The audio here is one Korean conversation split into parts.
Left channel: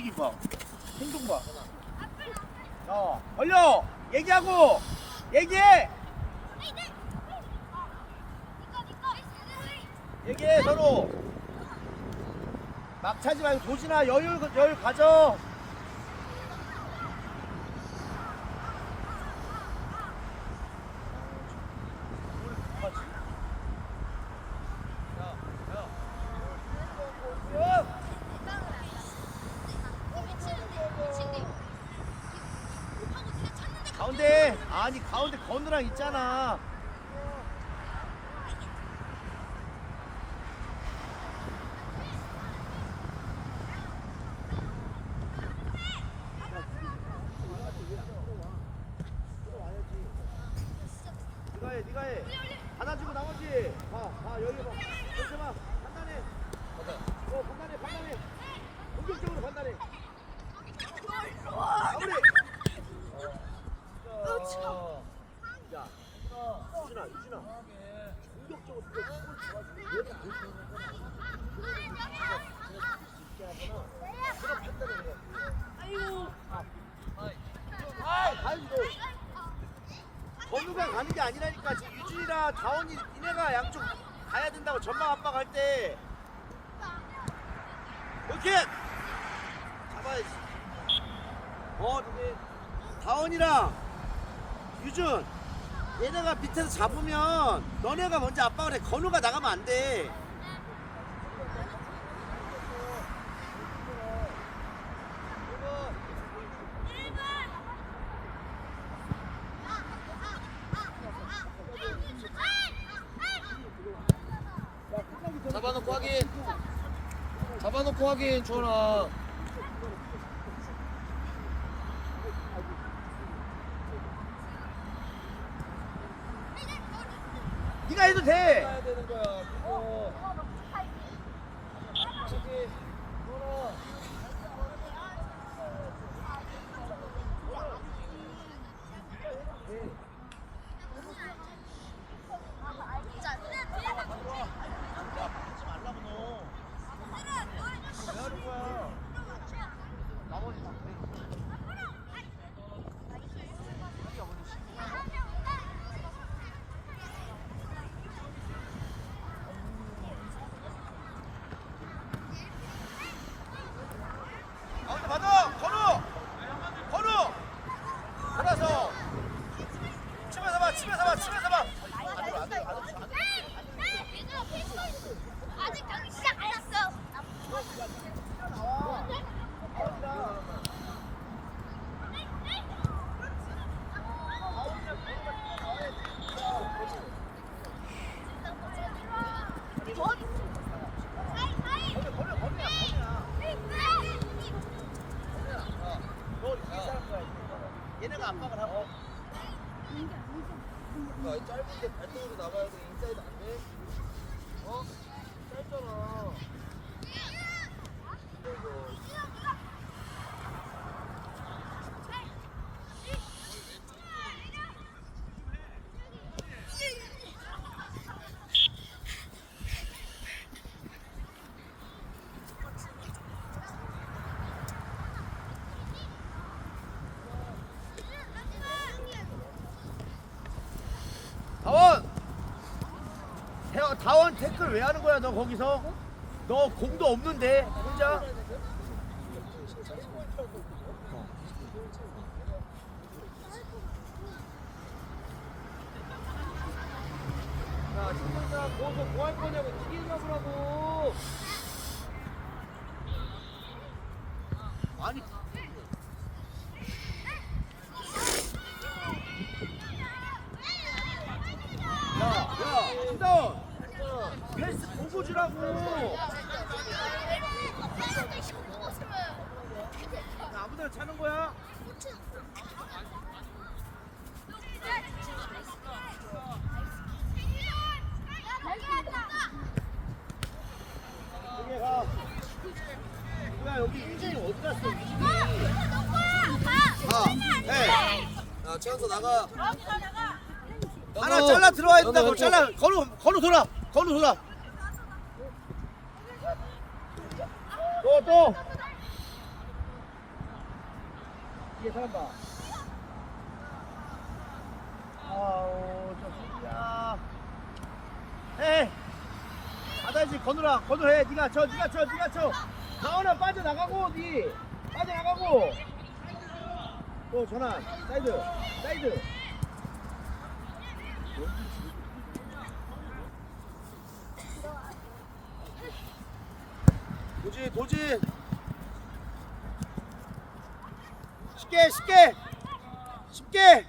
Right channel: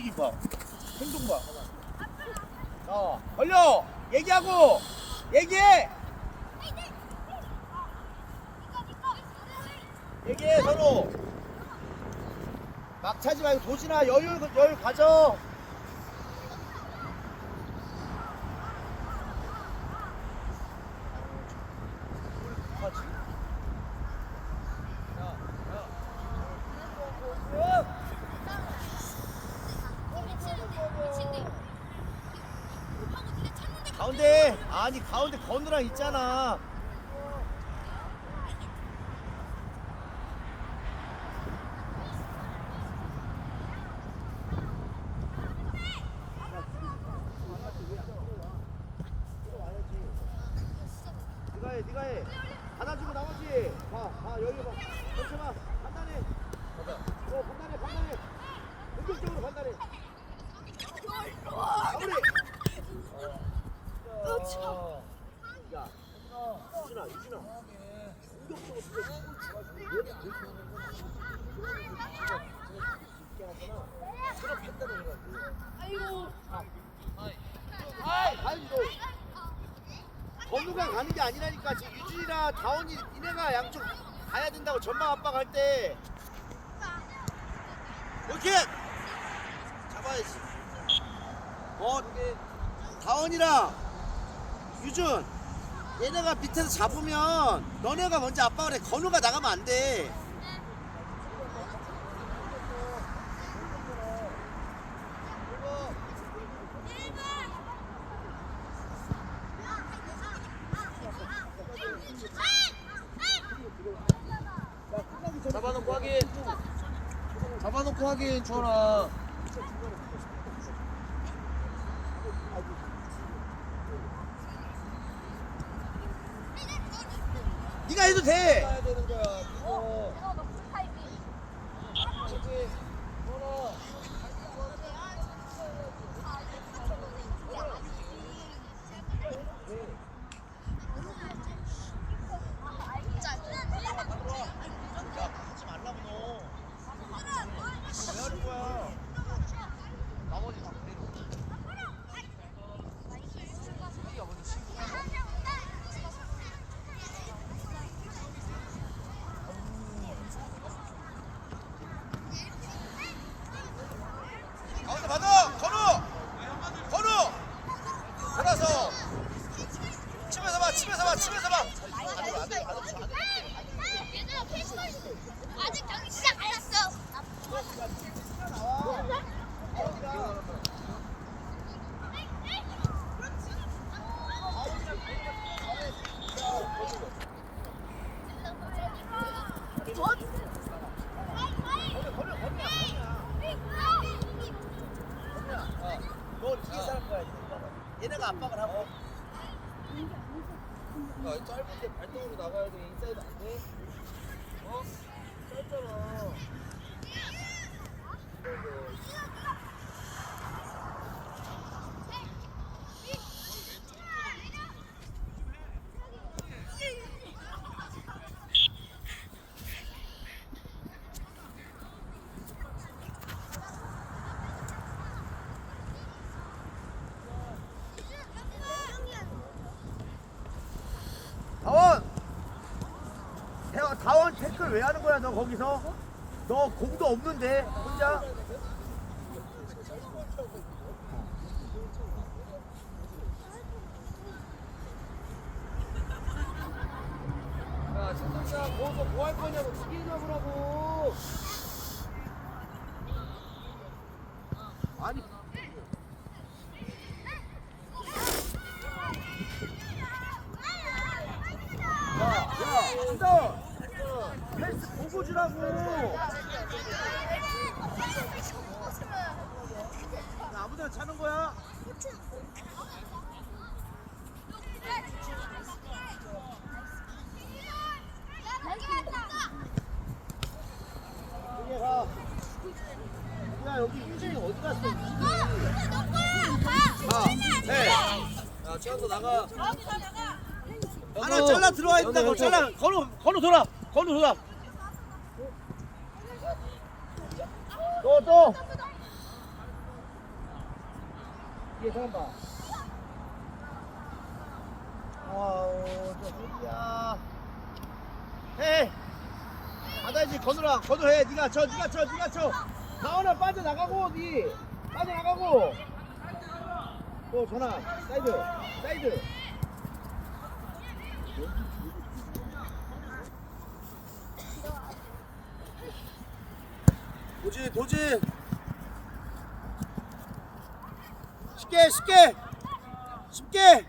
움직임 봐. 행동 봐. 어, 걸려. 얘기하고. 얘기해. 얘기해 서로. 막 차지 말고 도진아 여유 여유 가져. 가운데 아니 가운데 건우랑 있잖아. 네가 해, 네가 해. 받아주고 나머지 봐, 봐 여기 봐. 이렇게 봐, 판단해. 어, 판단해, 판단해. 공격적으로 판단해. 마무리. 어. 야, 유진아, 유진아. 공격적으로 진짜 얘는 못 하는 건우가 가는 게 아니라니까. 지금 유진이랑 다원이 니네가 양쪽 가야 된다고 전방 압박할 때. 이렇게 잡아야지. 어 다원이랑 유준 얘네가 밑에서 잡으면 너네가 먼저 압박을 해 건우가 나가면 안 돼. 잡아놓고 하긴 잡아놓고 하긴 주원아 해도 돼. 되는 거야 그거 그치 주원아 야 하지 말라고 너왜 하는 거야 나머지 다 버리고 가운데 받아! 건우! 건우! 돌아서! 치면서 봐! 치면서 봐! 치면서 봐! 안으로 안으로 안으로 안으로 아직 경기 시작 안 했어. 너 뒤에서 할 거야. 얘네가 압박을 하고. 야, 짧은데 발등으로 나가야 돼 인사이드 안 돼? 어? 짧잖아 다원! 태클 왜 하는 거야, 너 거기서? 너 공도 없는데, 혼자? 야 충전샷 거기서 뭐 할 거냐고 두개 잡으라고 아니. 야, 야, 수다! 패스 보고 주라고! 아무데나 차는 거야? 여기 가. 야, 여기 유진이 어디 갔어, 유진이? 하나, 셋. 야 최연소 나가 하나 잘라 들어와야 된다고 잘라 건우 건우 돌아 건우 돌아 또또 뒤에 사람 봐. 아우, 저 소리야. 해. 받아야지, 건우라. 건우 해. 네가 쳐, 네가 쳐, 네가 쳐. 가온아 빠져 나가고, 니. 빠져 나가고. 또 전환. 사이드. 사이드. 도진, 도진. 쉽게, 쉽게. 쉽게.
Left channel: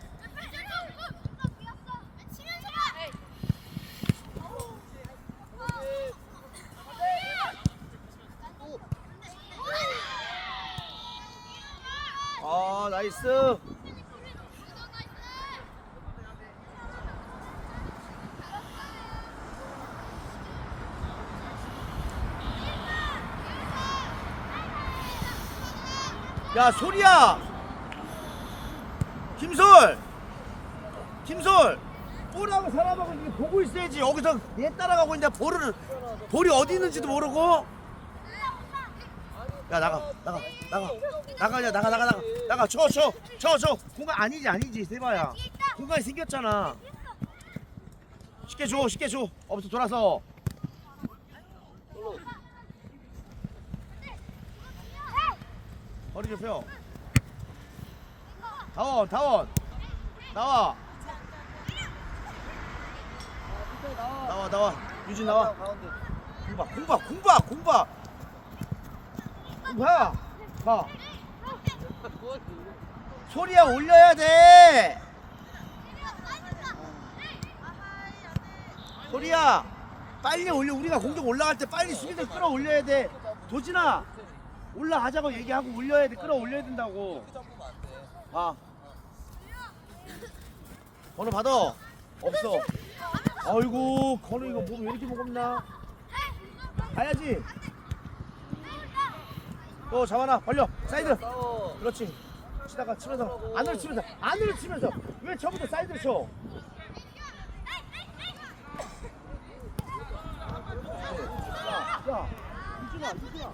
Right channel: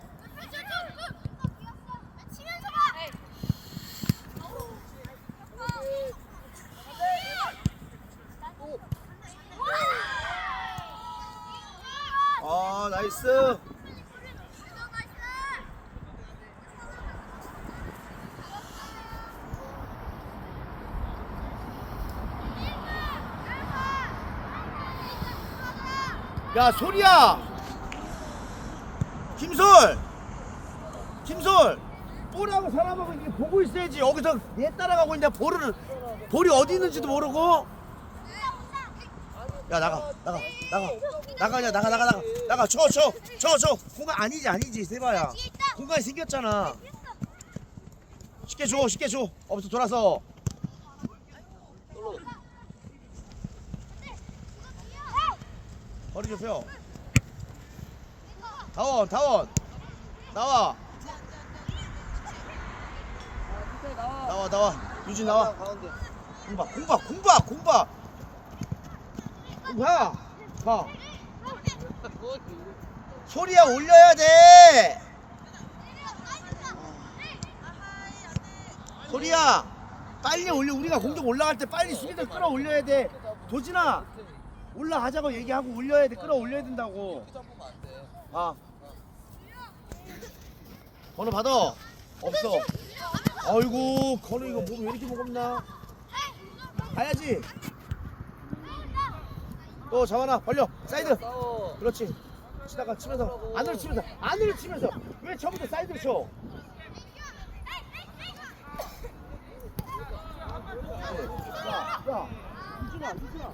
아, 나이스. 야, 소리야. 김솔. 김솔. 볼하고 사람하고 이렇게 보고 있어야지. 여기서 얘 따라가고 있는데 볼을 볼이 어디 있는지도 모르고. 야 나가 나가 나가 나가냐 나가 나가 나가 나가 쳐쳐쳐쳐 공간 아니지 아니지 세바야 공간이 생겼잖아 쉽게 줘 쉽게 줘 어부터 돌아서 허리 좁혀 다원 다원. 나와. 아 밑에 나와 나와. 나와 유진 나와. 가운데 공봐 공봐 공봐 공봐 봐. 소리야 올려야 돼. 소리야. 빨리 올려. 우리가 공격 올라갈 때 빨리 수비를 끌어올려야 돼. 도진아 올라가자고 얘기하고 올려야 돼. 끌어올려야 된다고. 아. 번호 받아. 없어. 아이고 건우 이거 몸 왜 이렇게 무겁나? 가야지. 또 정하나 벌려. 사이드. 그렇지. 치다가 치면서. 안으로 치면서. 안으로 치면서. 왜 처음부터 사이드로 쳐? 야, 야, 유진아, 유진아.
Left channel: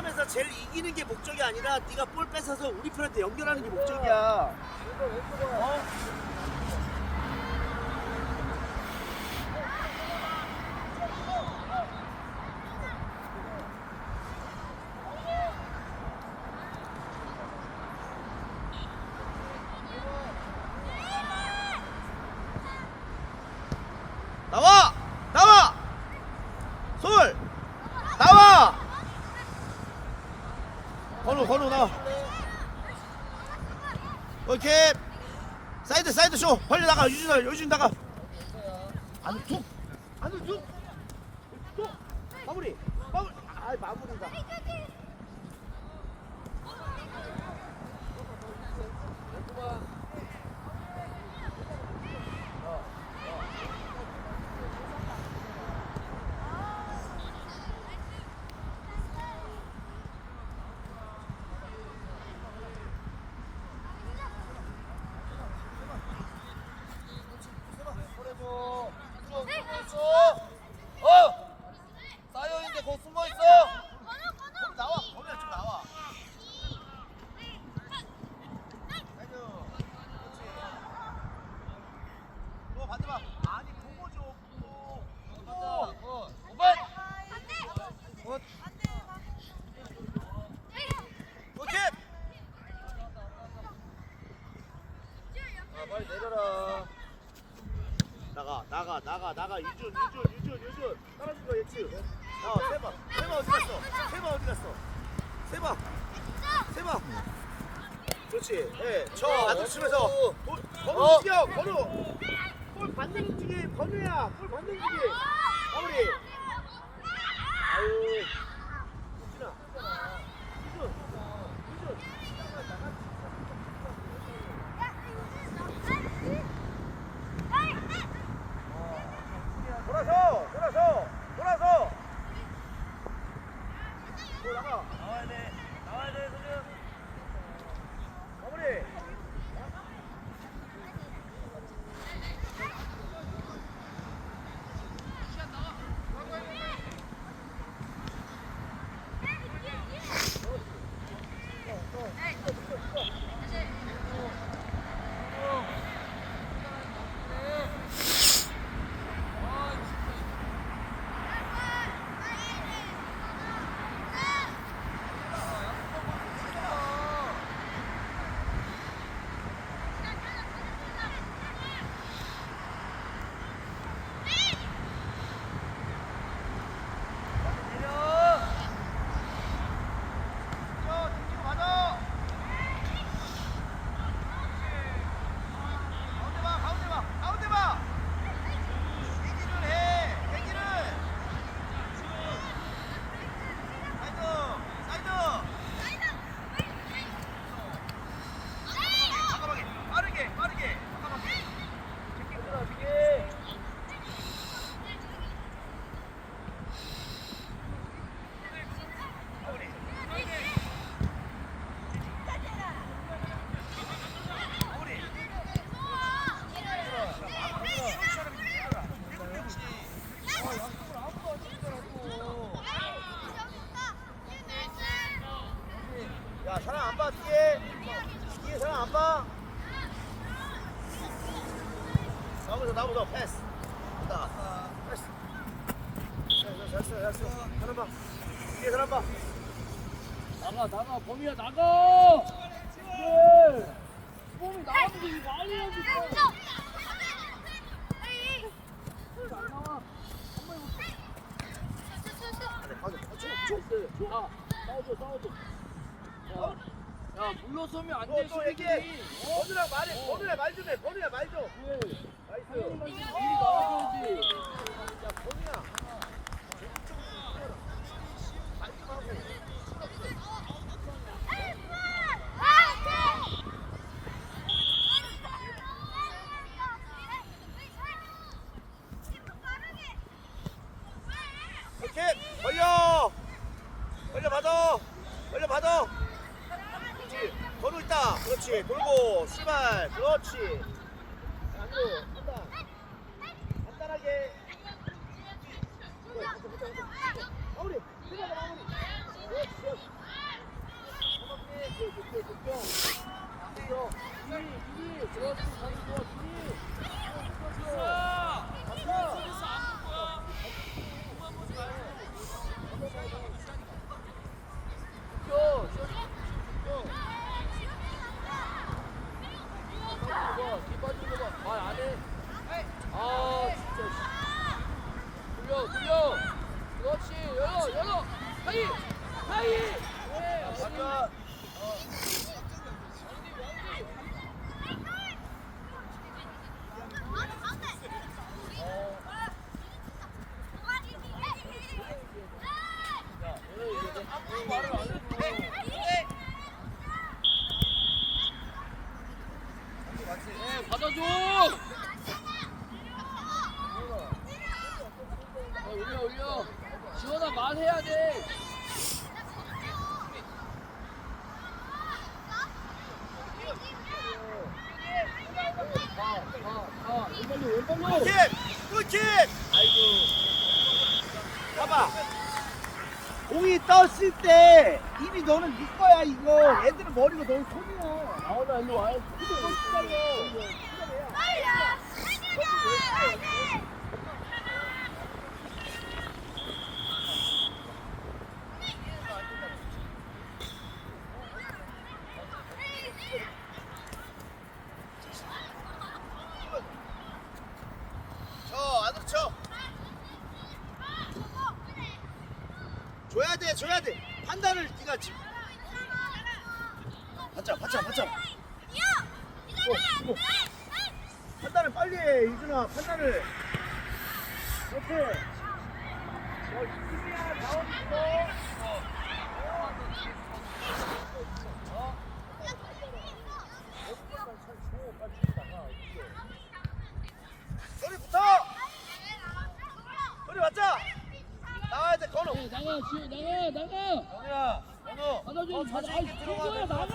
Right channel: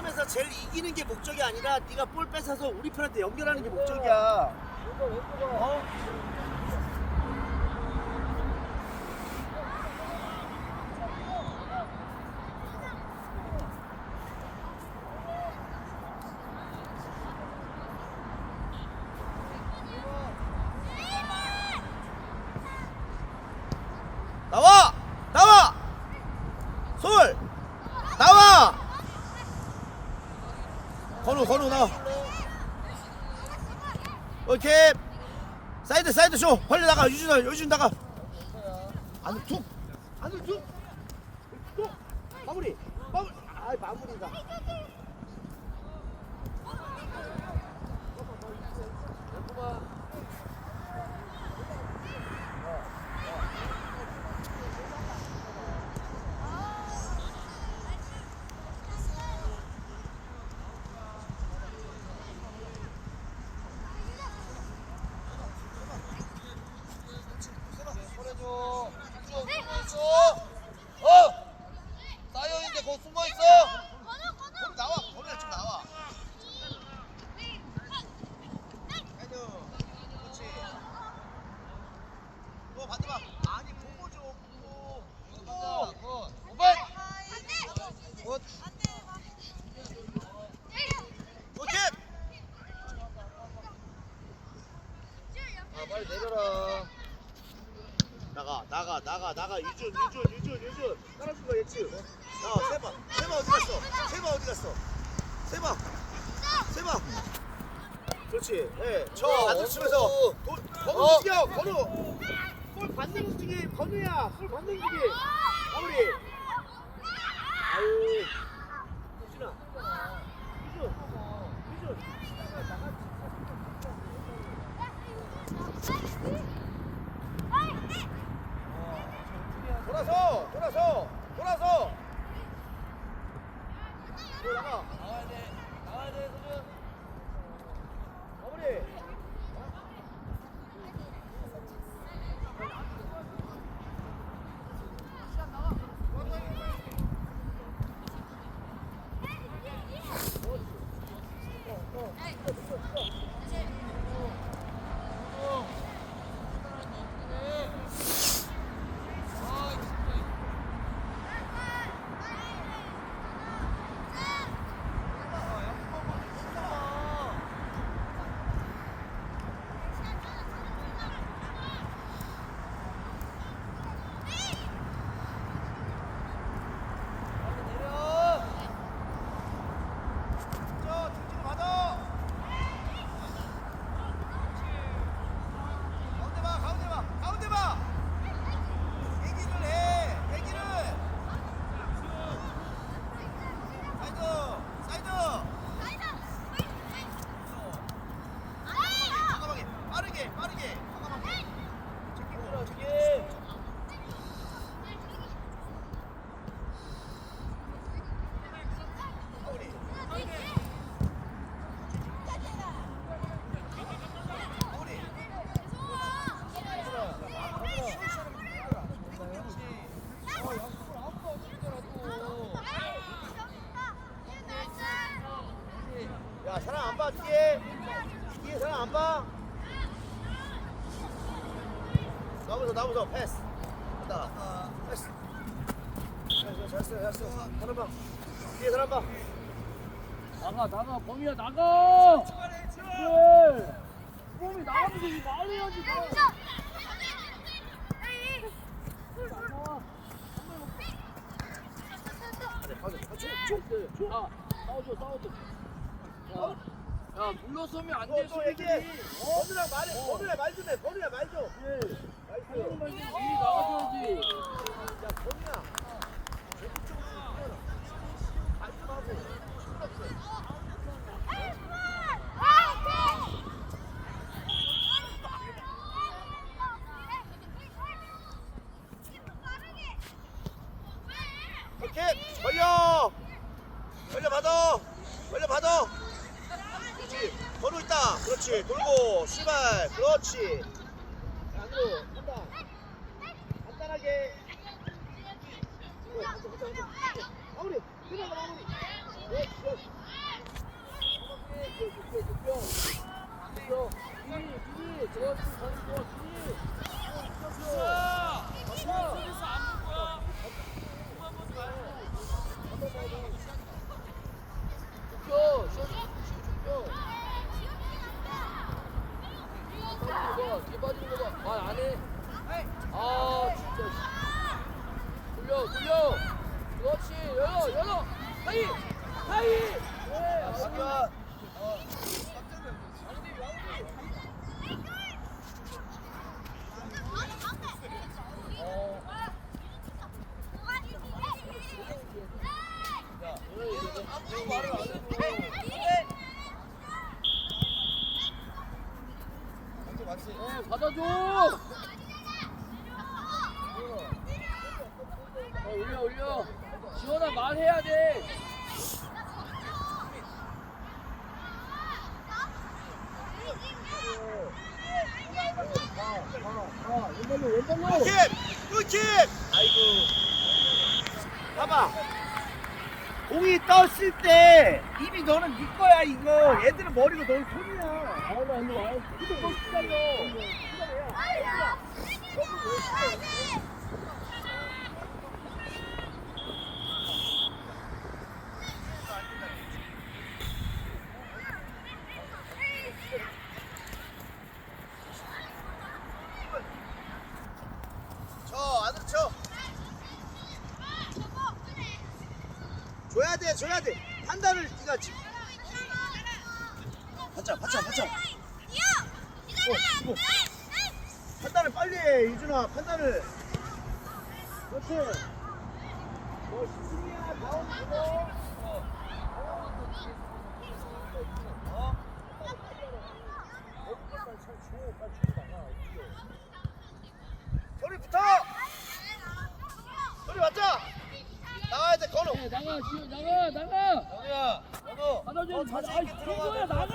싸움에서 제일 이기는 게 목적이 아니라 네가 볼 뺏어서 우리 편한테 연결하는 게 목적이야. 왼쪽 왼쪽 와 나와! 나와! 솔! 나와! 건우 건우 나와. 오케이. 사이드 사이드 쇼. 벌려 나가. 나가. 유진 나가. 안으로 툭. 툭. 마무리. 마무리. 아 마무리 나가 나가. 이준 이준 이준 이준. 따라준 거야 예치 어 세바 세바 어디 갔어? 세바 어디 갔어? 세바 세바 좋지. 예저 나도 치면서 건우 뛰어? 건우 골 반대로 뛰기 건우야. 골 반대로 뛰기 마무리. Whoops. 왼발로 왼발로 굿팀! 굿팀! 아이고 봐봐 공이 떴을 때 이미 너는 네 거야 이거. 애들은 머리로 너는 손이야. 아나 일로 와야지 근데 너 기다려 기다려 빨리 와. 빨리 와. 가지. 받자, 받자, 받자. 어, 어. 판단을 빨리 해, 이준아. 판단을. 그렇지. 소리 붙어! 소리 맞자! 나와 이제 걸어! 나가, 나가, 나가! 영희야! 받아줘 받아 아 친구야 돼, 나가